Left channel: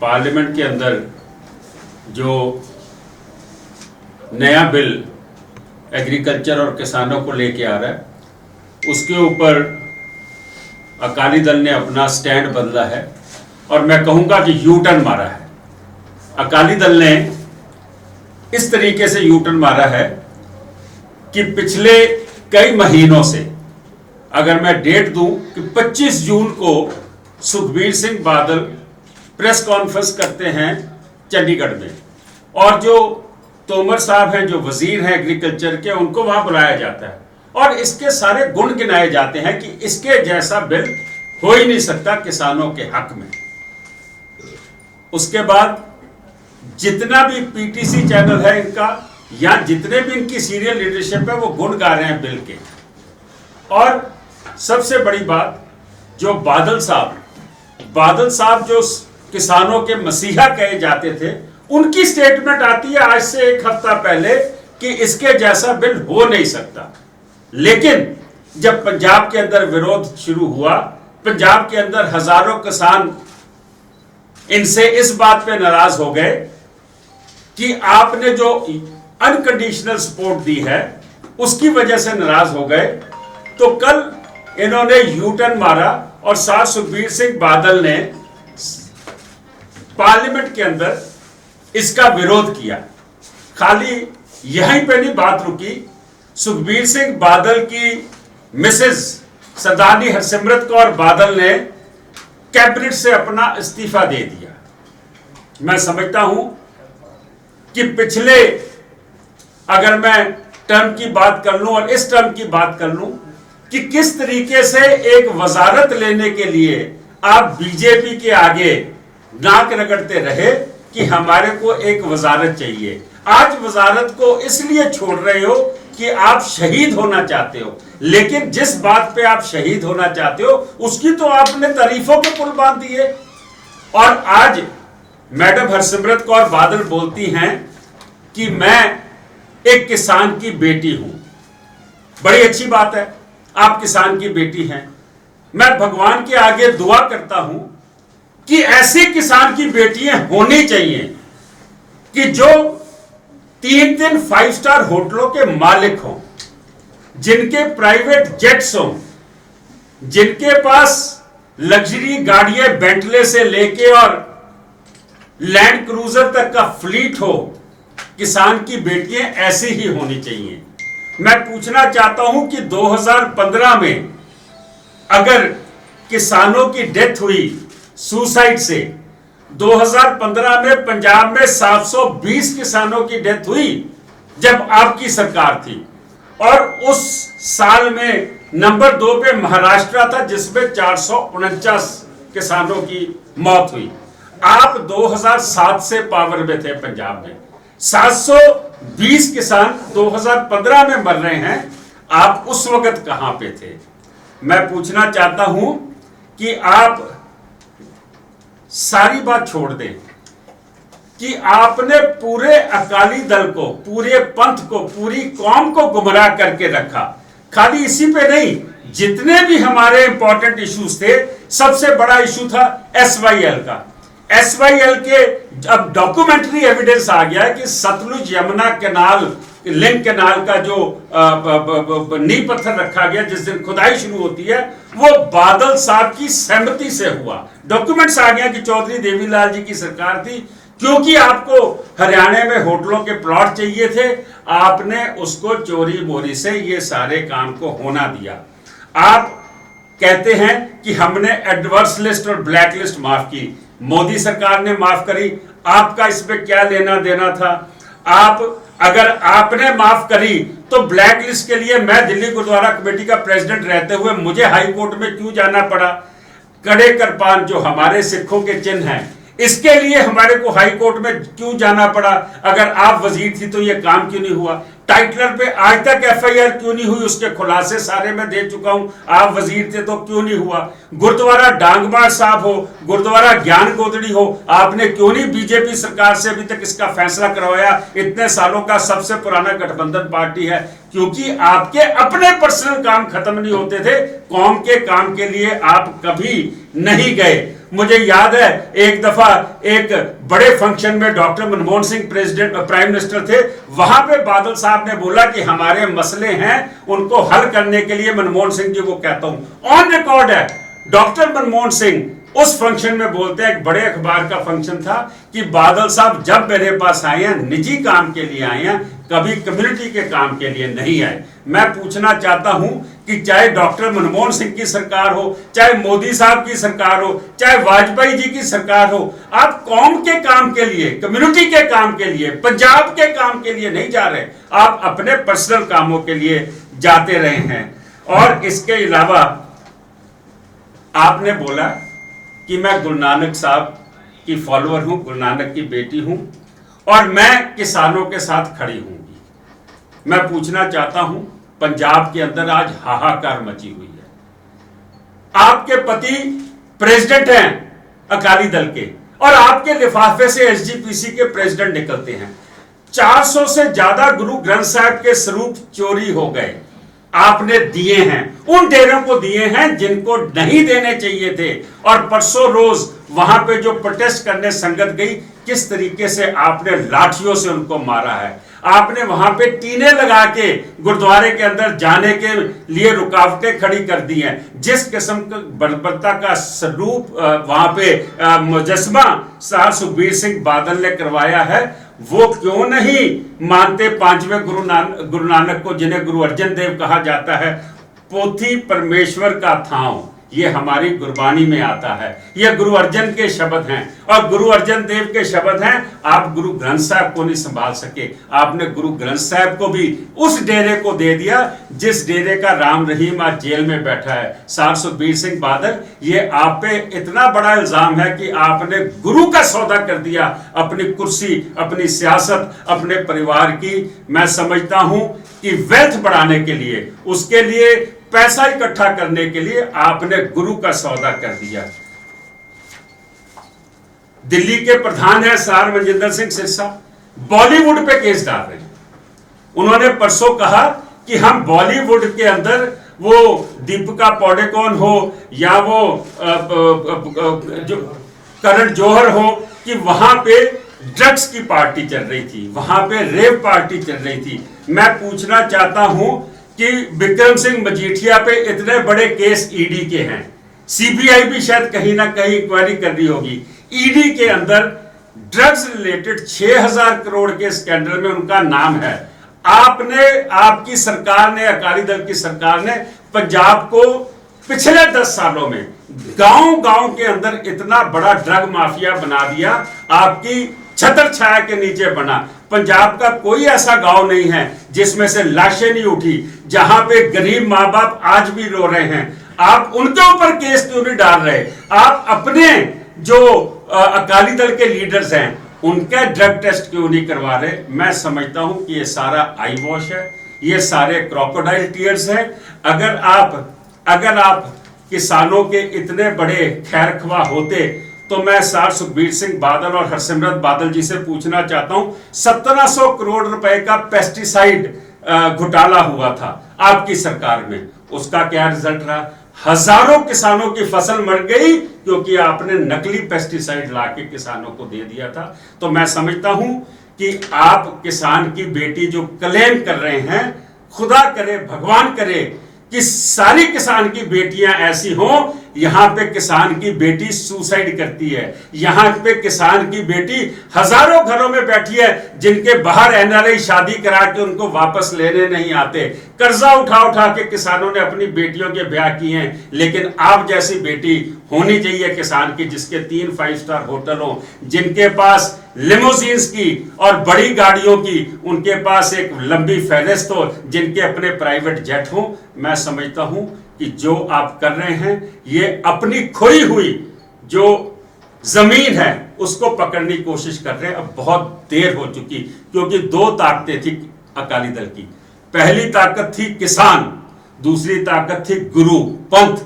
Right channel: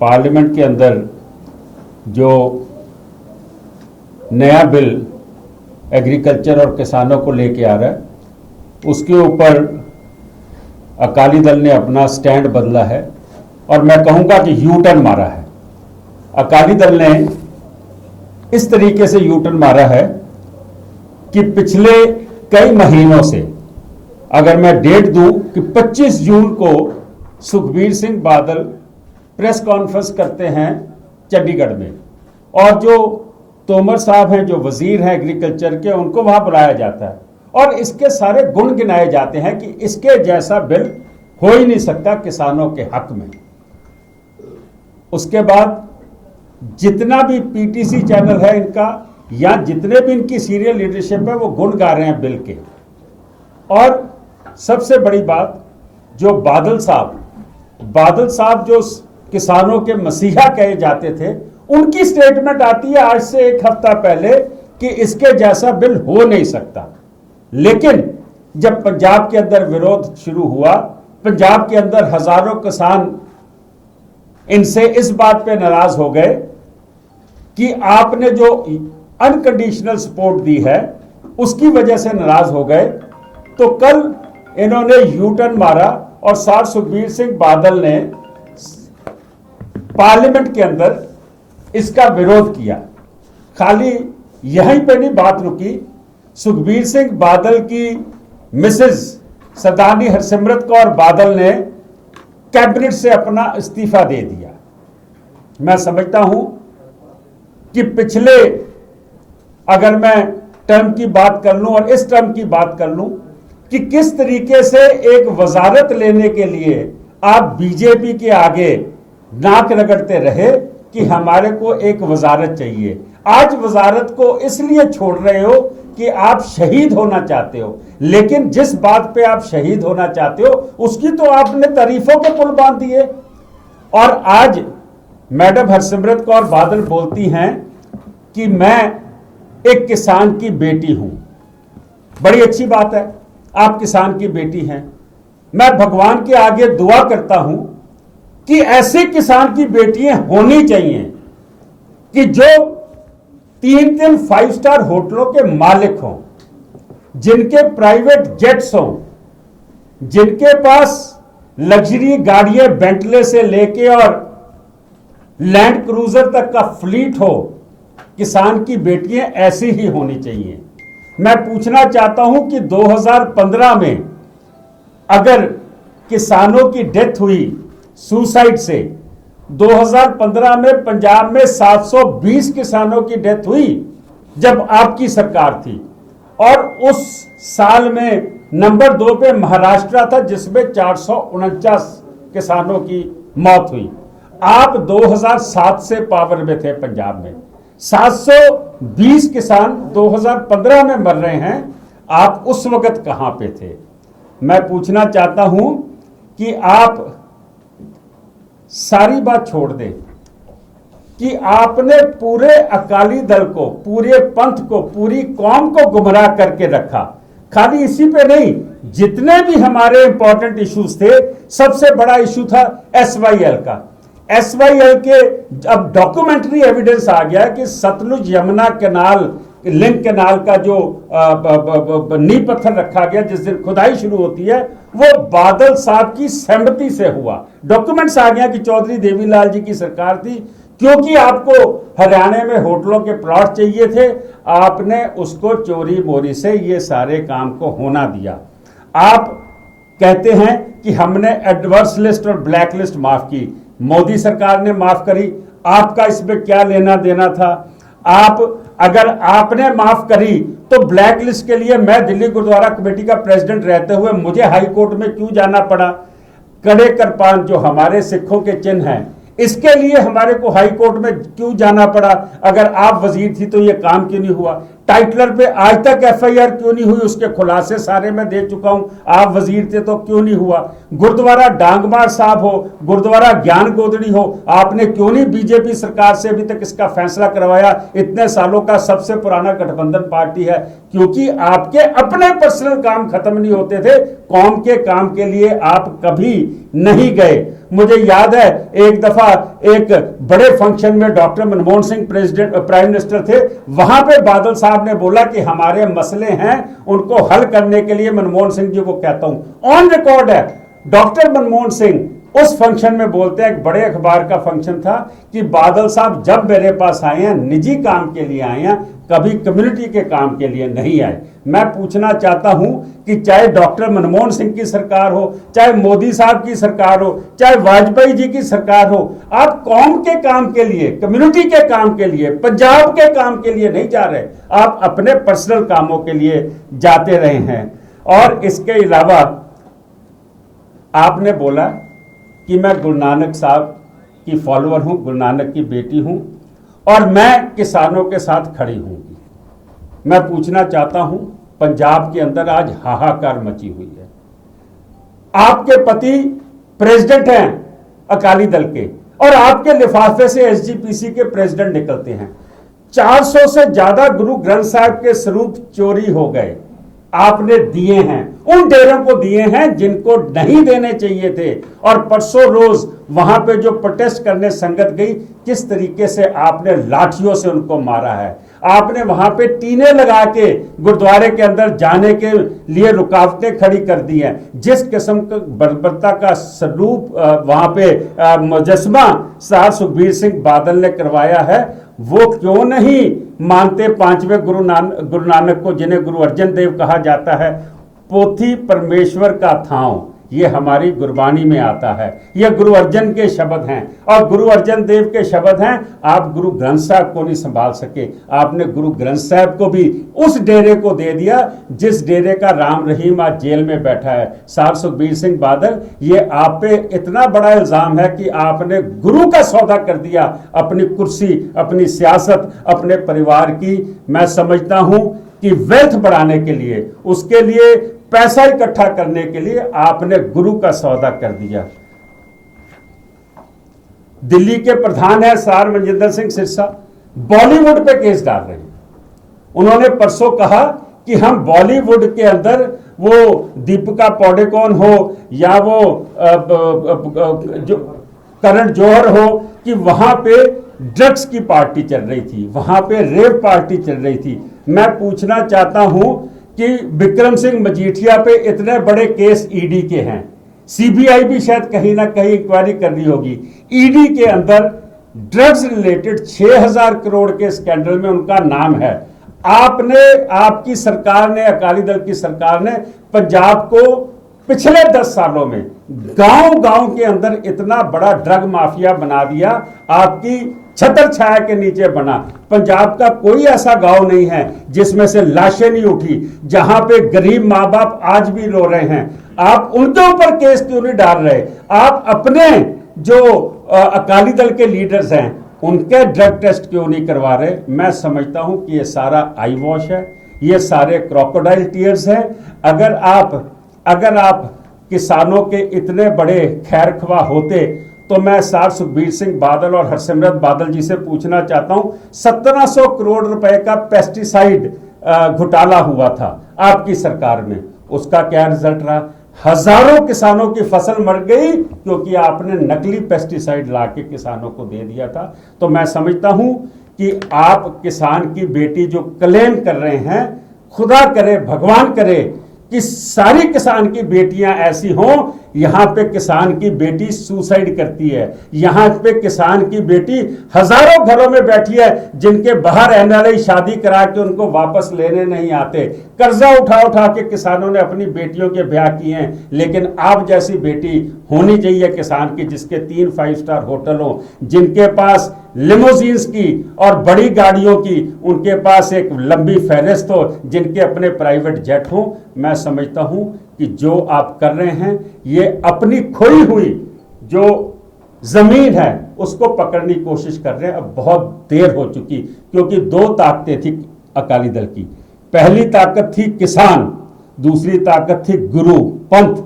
Parliament के अंदर जो नया बिल एग्रीकल्चर और किसानों को लेके आ रहा है उसके ऊपर अकाली दल ने अपना स्टैंड बदला है और मैं कहूँगा कि यू टर्न मारा है। अकाली दल ने इस तरीके से यू टर्न मारा है कि पिछले कई महीनों से, अगर मैं डेट दूं कि 25 जून को सुखबीर सिंह बादल प्रेस कॉन्फ्रेंस करते हैं चंडीगढ़ में, और जो तोमर साहब हैं जो वजीर हैं एग्रीकल्चर के, उनको वहां बुलाया जाता है और इसके सारे गुण गिनाए जाते हैं कि इसके जैसा बिल हो ही नहीं सकता किसानों के हक में। उसके बाद जितना भी पीटीसी चैनल है इनका या जितने भी इनकी सीनियर लीडरशिप है वो गुण गा रहे हैं बिल के। और सबसे बड़ी बात, जो बादल साहब जो किसानों के मसीहा कहे जाते थे, उनकी स्टेटमेंट आती है आज से एक हफ्ता पहले कि इसके जैसा बिल हो नहीं सकता। लेकिन जब पंजाब के अंदर विरोध शुरू हुआ, पंजाब के अंदर हजारों किसान इनसे इस बात पे नाराज हो गए कि आपने जो अनकंडीशनल सपोर्ट दी है उसकी वजह से नाराज हो गए। तो कल इन्होंने यू टर्न मारा और साथ सुखबीर सिंह बादल ने पार्लियामेंट के अंदर इसका विरोध किया। खाली यहीं पे नहीं बात रुकी, सुखबीर सिंह बादल की मिसेज सरदारनी हरसिमरत कौर बादल ने कैबिनेट से अपना इस्तीफा दे दिया। मैं समझता हूं कि पिछले, अगर मैं टर्म की बात कर लूं और इस टर्म की बात कर लूं कि किस तरीके से एक वजारत लेने के लिए आप बीजेपी के आगे नाक रगड़ते रहे कि हमारे को एक वजारत चाहिए। आज वजारत को इसलिए छोड़ रहे हो कि आप शहीद होना चाहते हो, लेकिन जिस बात पे आप शहीद होना चाहते हो उसकी तो आपने तारीफों के पुल बांध दिए। और आज मैडम हरसिमरत कौर बादल बोलती हैं कि मैं एक किसान की बेटी हूं। बड़ी अच्छी बात है, आप किसान की बेटी हैं। मैं भगवान के आगे दुआ करता हूं कि ऐसी किसान की बेटियां होनी चाहिए कि जो 3 5 स्टार होटलों के मालिक हों, जिनके प्राइवेट जेट्स हों, जिनके पास लग्जरी गाड़ियां बेंटले से लेके और लैंड क्रूजर तक का फ्लीट हो। किसान की बेटियां ऐसी ही होनी चाहिए। मैं पूछना चाहता हूं कि 2015 में अगर किसानों की डेथ हुई सुसाइड से, 2015 में पंजाब में 720 किसानों की डेथ हुई जब आपकी सरकार थी, और उस साल में नंबर 2 पे महाराष्ट्र था जिसमें 449 किसानों की मौत हुई। आप 2007 से पावर में थे पंजाब में, 720 किसान 2015 में मर रहे हैं, आप उस वक्त कहां पे थे? मैं पूछना चाहता हूं कि आप सारी बात छोड़ दें कि आपने पूरे अकाली दल को, पूरे पंथ को, पूरी कौम को गुमराह करके रखा। खाली इसी पे नहीं, जितने भी हमारे इंपॉर्टेंट इश्यूज थे, सबसे बड़ा इशू था SYL का। SYL के अब डॉक्यूमेंट्री एविडेंस आ गया है कि Sutlej Yamuna canal, link canal का जो नींव पत्थर रखा गया जिस दिन खुदाई शुरू होती है, वो बादल साहब की सहमति से हुआ। डॉक्यूमेंट्स आ गया कि चौधरी देवीलाल जी की सरकार थी, क्योंकि आपको हरियाणा में होटलों के प्लॉट चाहिए थे, आपने उसको चोरी मोरी से ये सारे काम को होना दिया। आप कहते हैं कि हमने एडवर्स लिस्ट और ब्लैक लिस्ट माफ की, मोदी सरकार ने माफ करी, आपका इसमें क्या लेना देना था? आप अगर आपने माफ करी तो ब्लैक लिस्ट के लिए मैं दिल्ली गुरुद्वारा कमेटी का प्रेसिडेंट रहते हुए मुझे हाई कोर्ट में क्यों जाना पड़ा? कड़े करपान जो हमारे सिखों के चिन्ह हैं, इसके लिए हमारे को हाई कोर्ट में क्यों जाना पड़ा? अगर आप वजीर थी तो यह काम क्यों नहीं हुआ? टाइटलर पे आज तक FIR क्यों नहीं हुई? उसके खुलासे सारे मैं दे चुका हूं। आप वजीर थे तो क्यों नहीं हुआ? गुरुद्वारा डांगमार साहब हो, गुरुद्वारा ज्ञान गोदड़ी हो, आपने क्यों नहीं बीजेपी सरकार से अभी तक इसका फैसला करवाया? इतने सालों का सबसे पुराना गठबंधन पार्टी है, क्योंकि आपके अपने पर्सनल काम खत्म नहीं होते थे, कौम के काम के लिए आप कभी नहीं गए। मुझे याद है एक दफा एक बड़े फंक्शन में doctor Manmohan Singh president prime minister थे, वहां पे बादल साहब ने बोला कि हमारे मसले हैं उनको हल करने के लिए मनमोहन सिंह जी को कहता हूं। ऑन रिकॉर्ड है, डॉक्टर मनमोहन सिंह उस फंक्शन में बोलते हैं, एक बड़े अखबार का फंक्शन था, कि बादल साहब जब मेरे पास आए हैं निजी काम के लिए आए हैं, कभी कम्युनिटी के काम के लिए नहीं आए। मैं पूछना चाहता हूं कि चाहे डॉक्टर मनमोहन सिंह की सरकार हो, चाहे मोदी साहब की सरकार हो, चाहे वाजपेयी जी की सरकार हो, आप कौम के काम के लिए, कम्युनिटी के काम के लिए, पंजाब के काम के लिए नहीं जा रहे, आप अपने पर्सनल कामों के लिए जाते रहे हैं। और इसके अलावा आपने बोला कि मैं गुरु नानक साहब की फॉलोअर हूं, गुरु नानक की बेटी हूं और मैं किसानों के साथ खड़ी हूंगी। मैं पूछना चाहता हूं, पंजाब के अंदर आज हाहाकार मची हुई है। आपके पति प्रेसिडेंट हैं अकाली दल के और आपके लिफाफे से एसजीपीसी के प्रेसिडेंट निकलते हैं। 400 से ज्यादा गुरु ग्रंथ साहिब के स्वरूप चोरी हो गए, आपने दिए हैं, उन डेरों को दिए हैं जिनको नहीं देने चाहिए थे। और परसों रोज वहां पे जो प्रोटेस्ट करने संगत गई, किस तरीके से आपने लाठियों से उनको मारा है। आपने वहां पे टीने लगा के गुरुद्वारे के अंदर जाने के लिए रुकावटें खड़ी कर दी हैं। जिस किस्म का बर्बरता का स्वरूप वहां पे मुजस्मा सर सुखबीर सिंह बादल ने करवाया है, वो क्यों नहीं मानते पांचवें गुरु नानक को, जिन्हें गुरु अर्जन देव कहा जाता है। पोथी परमेश्वर का थांव, ये हमारी गुरबाणी में आता है, ये गुरु अर्जन के शब्द हैं और गुरु अर्जन देव के शब्द हैं। आप गुरु ग्रंथ साहब को नहीं संभाल सके, आपने गुरु ग्रंथ साहब को भी उस डेरे को दे दिया जिस डेरे का राम रहीम आज जेल में बैठा है, सर सुखबीर सिंह बादल। ये आप पे इतना बड़ा इल्जाम है कि आपने गुरु का सौदा कर दिया, अपनी कुर्सी, अपनी सियासत, अपने परिवार की। मैं समझता हूं कि वेल्थ बढ़ाने के लिए, उसके लिए पैसा इकट्ठा करने के लिए आपने गुरु का सौदा कर दिया। दिल्ली के प्रधान है सर मनजिंदर सिंह सिरसा, बॉलीवुड पे केस डाल रहे हैं। उन्होंने परसों कहा कि हम बॉलीवुड के अंदर, वो दीपिका पादुकोण हो या वो जो करण जौहर हो, कि वहां पे ड्रग्स की पार्टी चल रही थी, वहां पे रेप पार्टी चल रही थी। मैं पूछना चाहता हूं कि विक्रम सिंह मजीठिया पे इतने बड़े केस ईडी के हैं, सीबीआई भी शायद कहीं ना कहीं इंक्वायरी कर रही होगी। ईडी के अंदर ड्रग्स रिलेटेड 6000 करोड़ के स्कैंडल में उनका नाम है। आपने, आपकी सरकार ने, अकाली दल की सरकार ने पंजाब को पिछले 10 सालों में गांव-गांव के अंदर इतना बड़ा ड्रग माफिया बना दिया, आपकी छतर छाया के नीचे बना। पंजाब का कोई ऐसा गांव नहीं है जिसमें से लाशें नहीं उठी, जहां पे गरीब मां बाप आज भी रो रहे हैं। आप उनके ऊपर केस क्यों नहीं डाल रहे? आप अपने जो अकाली दल के लीडर्स हैं उनके ड्रग टेस्ट क्यों नहीं करवा रहे? मैं समझता हूं कि ये सारा आई वॉश है, ये सारे क्रोकोडाइल टीयर्स हैं। अगर आप किसानों के इतने बड़े खैरख्वाह होते तो मैं सर सुखबीर सिंह बादल और हरसिमरत बादल जी से पूछना चाहता हूं, 1700 करोड़ रुपए का पेस्टिसाइड घोटाला हुआ था आपकी सरकार में, उसका क्या रिजल्ट रहा? हजारों किसानों की फसल मर गई क्योंकि आपने नकली पेस्टिसाइड लाके किसानों को दे दिया था। तो मैं समझता हूं कि आप किसान की बेटी जो क्लेम कर रहे हैं, खुदा करे, भगवान करे कि सारी किसान की बेटियां ऐसी हों। यहां पे किसान की बेटी सुसाइड करती है, यहां पे किसान की बेटी हजारों घरों में बैठी है जिनके बाहर एनआरआई शादी करा के उनको वापस लेने नहीं आते। कर्जा उठा उठा के किसानों ने अपनी बेटियों के ब्याह किए हैं, लेकिन आप जैसी बेटी होनी चाहिए किसान की, जिसके 3 5 स्टार होटल हो, जिनके पास लिमोजीन्स की और बड़ी गाड़ियों की, उनके पास एक लंबी फहरिस्त हो, जिनके अपने प्राइवेट जेट हो। मैं समझता हूं कि जो आप कर रहे हैं ये अपनी खोई हुई जो जमीन है उसको पकड़ने की कोशिश कर रहे हैं। अब बहुत देर हो चुकी, क्योंकि 2 ताकतें थी अकाली दल की। पहली ताकत थी किसान, दूसरी ताकत थी गुरु पंथ।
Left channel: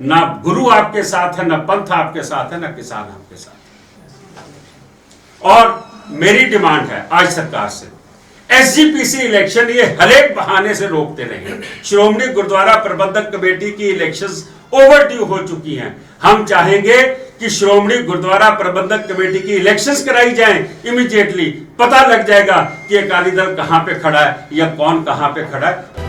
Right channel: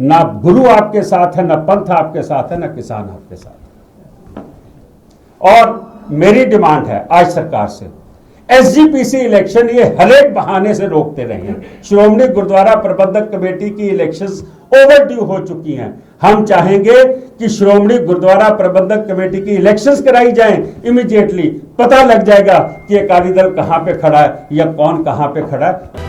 ना गुरु आपके साथ है, ना पंथ आपके साथ है, ना किसान आपके साथ है। और मेरी डिमांड है आज सरकार से एसजीपीसी इलेक्शन ये हरेक बहाने से रोकते रहे। श्रोमणी गुरुद्वारा प्रबंधक कमेटी की इलेक्शंस ओवरड्यू हो चुकी हैं। हम चाहेंगे कि श्रोमणी गुरुद्वारा प्रबंधक कमेटी की इलेक्शंस कराई जाएं इमीडिएटली। पता लग जाएगा कि अकाली दल कहां पे खड़ा है या कौन कहां पे खड़ा है।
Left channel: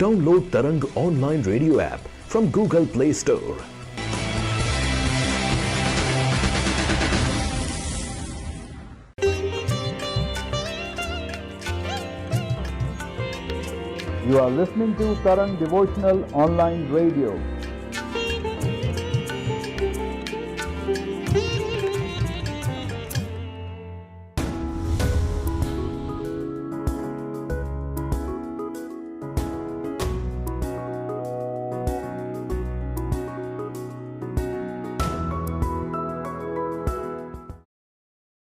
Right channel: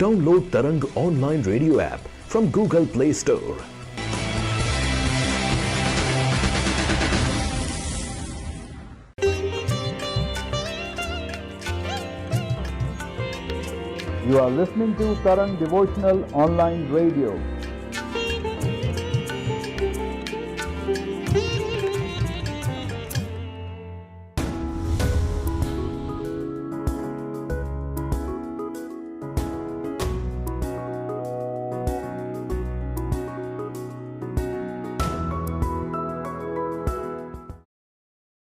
Download Tarang online radio app from Google Play Store. You are listening to Tarang Devotional Online Radio.